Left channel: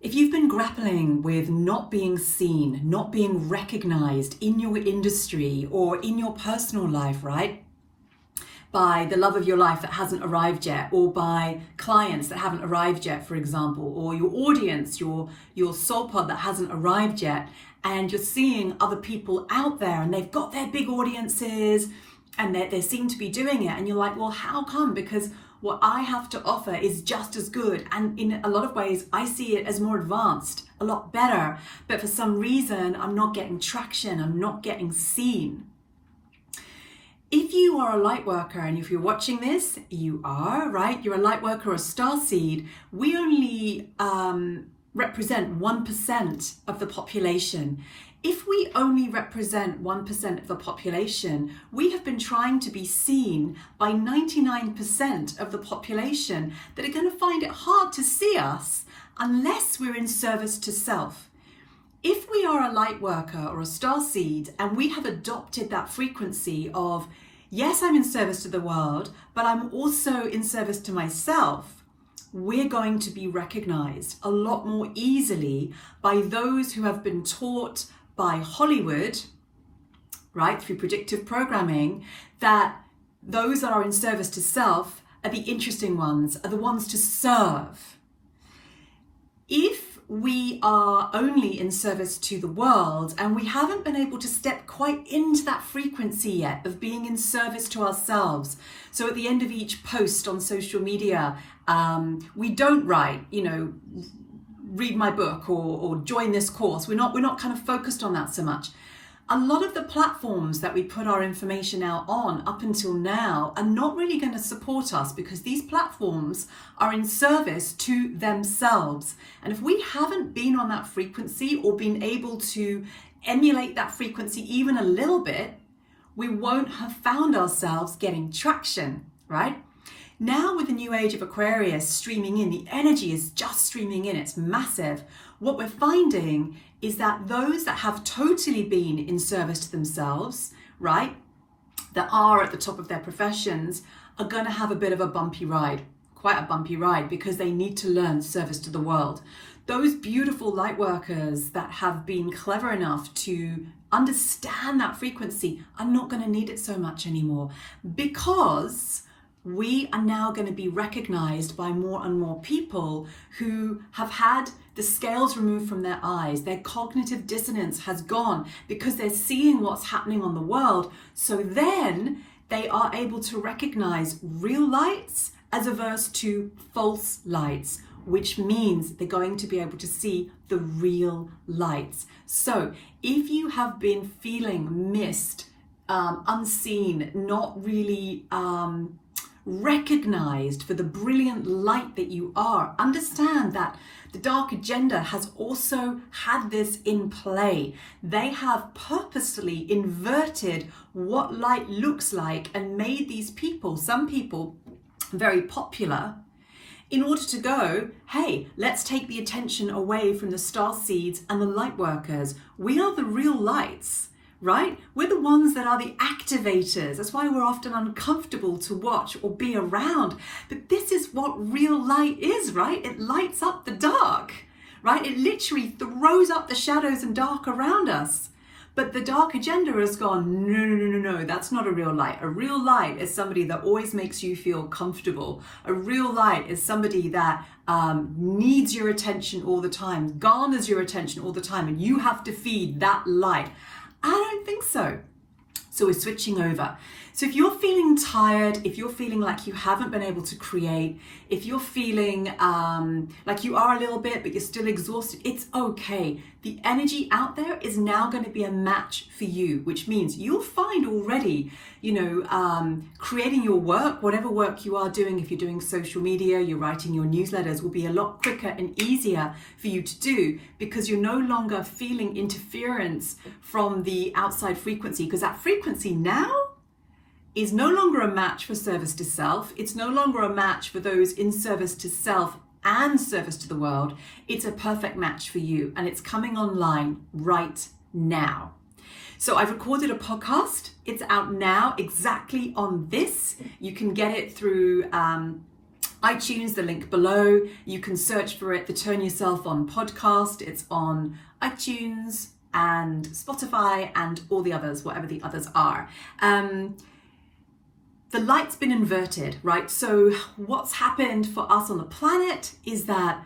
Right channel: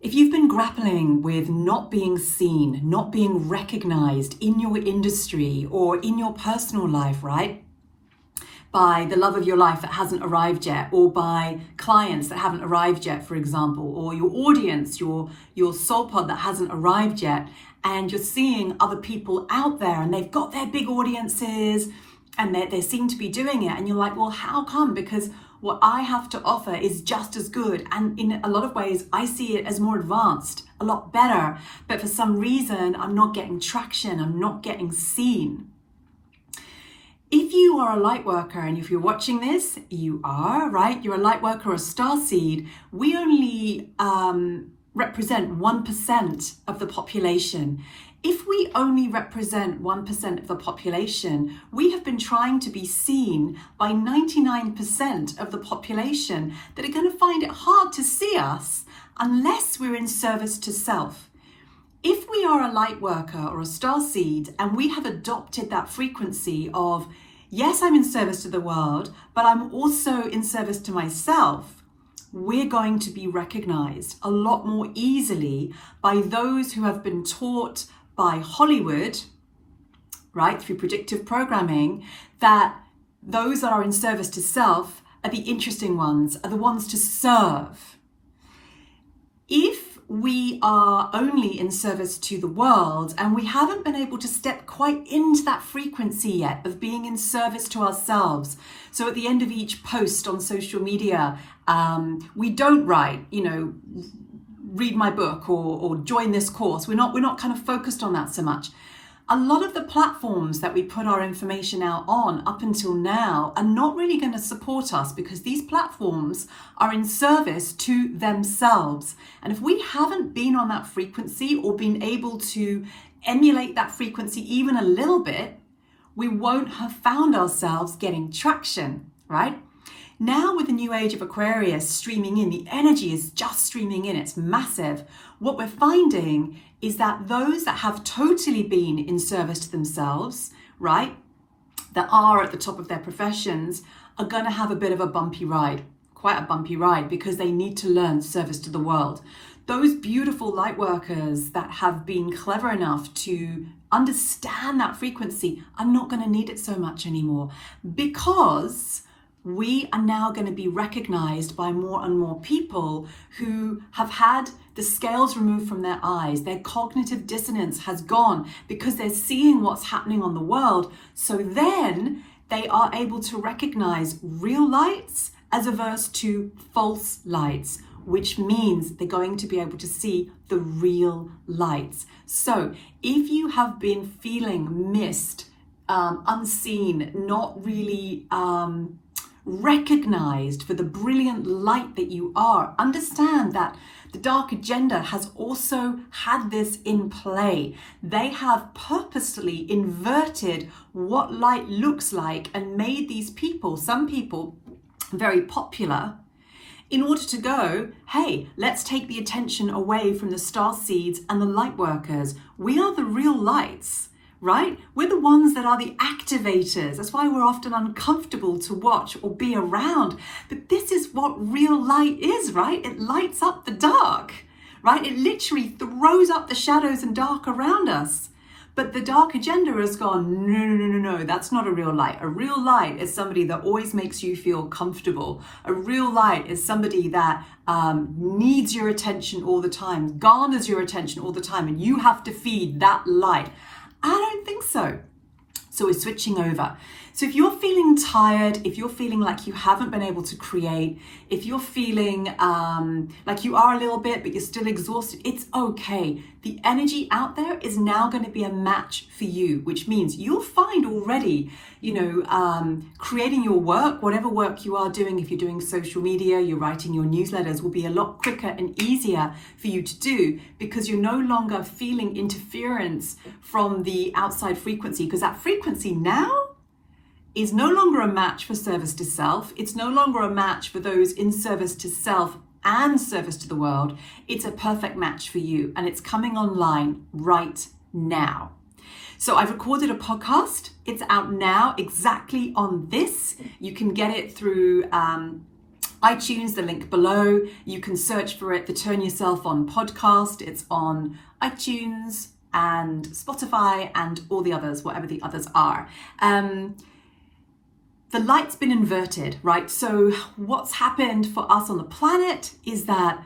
If you've been grappling with not being seen, not being recognized in your industry or in your personal life, right? By the love of your life that hasn't arrived yet, or by clients that haven't arrived yet, for example, or your audience, your soul pod that hasn't arrived yet, and you're seeing other people out there and they've got their big audiences and they seem to be doing it, and you're like, well, how come? Because what I have to offer is just as good, and in a lot of ways I see it as more advanced, a lot better, but for some reason I'm not getting traction, I'm not getting seen. If you are a light worker, and if you're watching this, you are, right? You're a light worker or a starseed. We only represent 1% of the population. If we only represent 1% of the population, we have been trying to be seen by 99% of the population that are going to find it hard to see us unless we're in service to self. If we are a light worker or a starseed and we have adopted that frequency of, yes, I'm in service to the world, but I'm also in service to myself, we're going to be recognized a lot more easily by those who have been taught by Hollywood, right, through predictive programming, that those that are in service to self are the interesting ones, are the ones to serve. If we are only in service to the world and we haven't been able to step quite into that frequency yet of being in service to ourselves, so at the end of each post on social media, we don't write, read my book or join this course. We're not kind of focused on that so much. A lot of the platforms that we put our information out on up until now are not really going to support us because these platforms are in service to themselves. And if we haven't been on that frequency or been able to emulate that frequency even a little bit, we won't have found ourselves getting traction, right? Now with the new age of Aquarius streaming in, the energy is just streaming in, it's massive. What we're finding is that those that have totally been in service to themselves, right, that are at the top of their professions, are going to have a bit of a bumpy ride, quite a bumpy ride, because they need to learn service to the world. Those beautiful light workers that have been clever enough to understand that frequency are not going to need it so much anymore, because we are now going to be recognized by more and more people who have had the scales removed from their eyes. Their cognitive dissonance has gone because they're seeing what's happening on the world. So then they are able to recognize real lights as averse to false lights, which means they're going to be able to see the real lights. So if you have been feeling missed, unseen, not really recognized for the brilliant light that you are, understand that the dark agenda has also had this in play. They have purposely inverted what light looks like and made these people, some people, very popular in order to go, hey, let's take the attention away from the starseeds and the light workers. We are the real lights, right? We're the ones that are the activators. That's why we're often uncomfortable to watch or be around. But this is what real light is, right? It lights up the dark, right? It literally throws up the shadows and dark around us. But the dark agenda has gone, no, that's not a real light. A real light is somebody that always makes you feel comfortable. A real light is somebody that needs your attention all the time, garners your attention all the time, and you have to feed that light. I don't think so. So we're switching over. So if you're feeling tired, if you're feeling like you haven't been able to create, if you're feeling like you are a little bit, but you're still exhausted, it's okay. The energy out there is now going to be a match for you, which means you'll find already, creating your work, whatever work you are doing, if you're doing social media, you're writing your newsletters, will be a lot quicker and easier for you to do because you're no longer feeling interference from the outside frequency, because that frequency now is no longer a match for service to self. It's no longer a match for those in service to self and service to the world. It's a perfect match for you, and it's coming online right now. So I've recorded a podcast. It's out now exactly on this. You can get it through iTunes, the link below. You can search for it, the Turn Yourself On podcast. It's on iTunes and Spotify and all the others, whatever the others are. The light's been inverted, right? So what's happened for us on the planet is that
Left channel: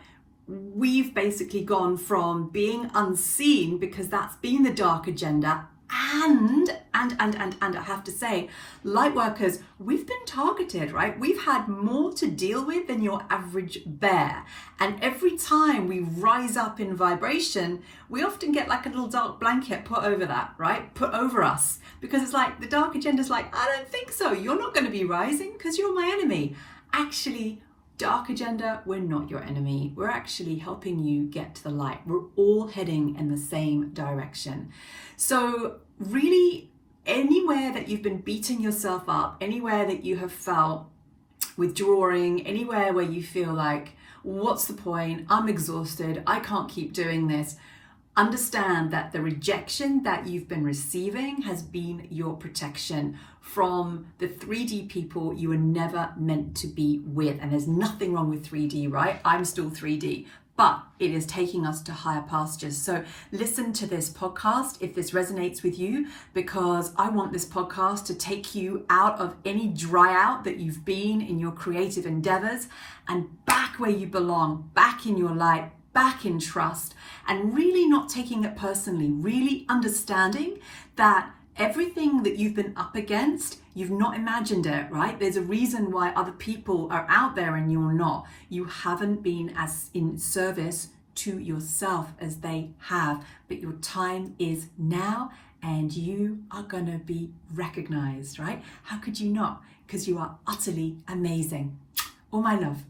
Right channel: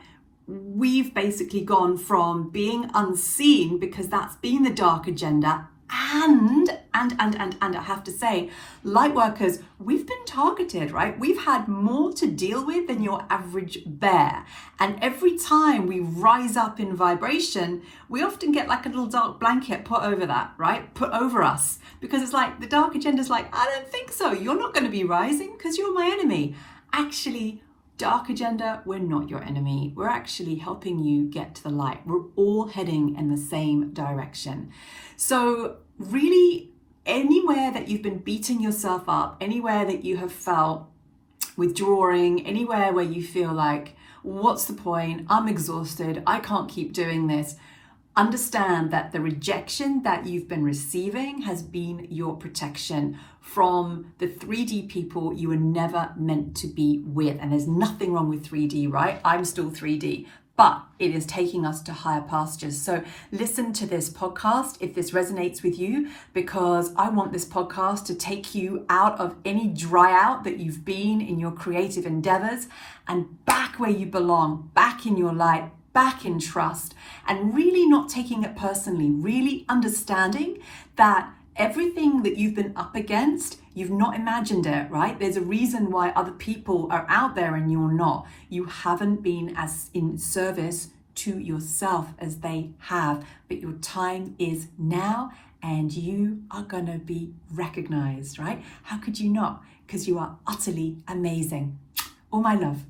we've basically gone from being unseen, because that's been the dark agenda, and I have to say, light workers, we've been targeted, right? We've had more to deal with than your average bear. And every time we rise up in vibration, we often get like a little dark blanket put over that, right? Put over us. Because it's like the dark agenda is like, I don't think so. You're not going to be rising because you're my enemy. Actually, dark agenda, we're not your enemy. We're actually helping you get to the light. We're all heading in the same direction. So really, anywhere that you've been beating yourself up, anywhere that you have felt withdrawing, anywhere where you feel like, what's the point? I'm exhausted. I can't keep doing this. Understand that the rejection that you've been receiving has been your protection from the 3D people you were never meant to be with. And there's nothing wrong with 3D, right? I'm still 3D, but it is taking us to higher pastures. So listen to this podcast if this resonates with you, because I want this podcast to take you out of any dry out that you've been in your creative endeavors and back where you belong, back in your light, back in trust, and really not taking it personally, really understanding that everything that you've been up against, you've not imagined it, right? There's a reason why other people are out there and you're not. You haven't been as in service to yourself as they have, but your time is now and you are going to be recognized, right? How could you not? Because you are utterly amazing. All my love.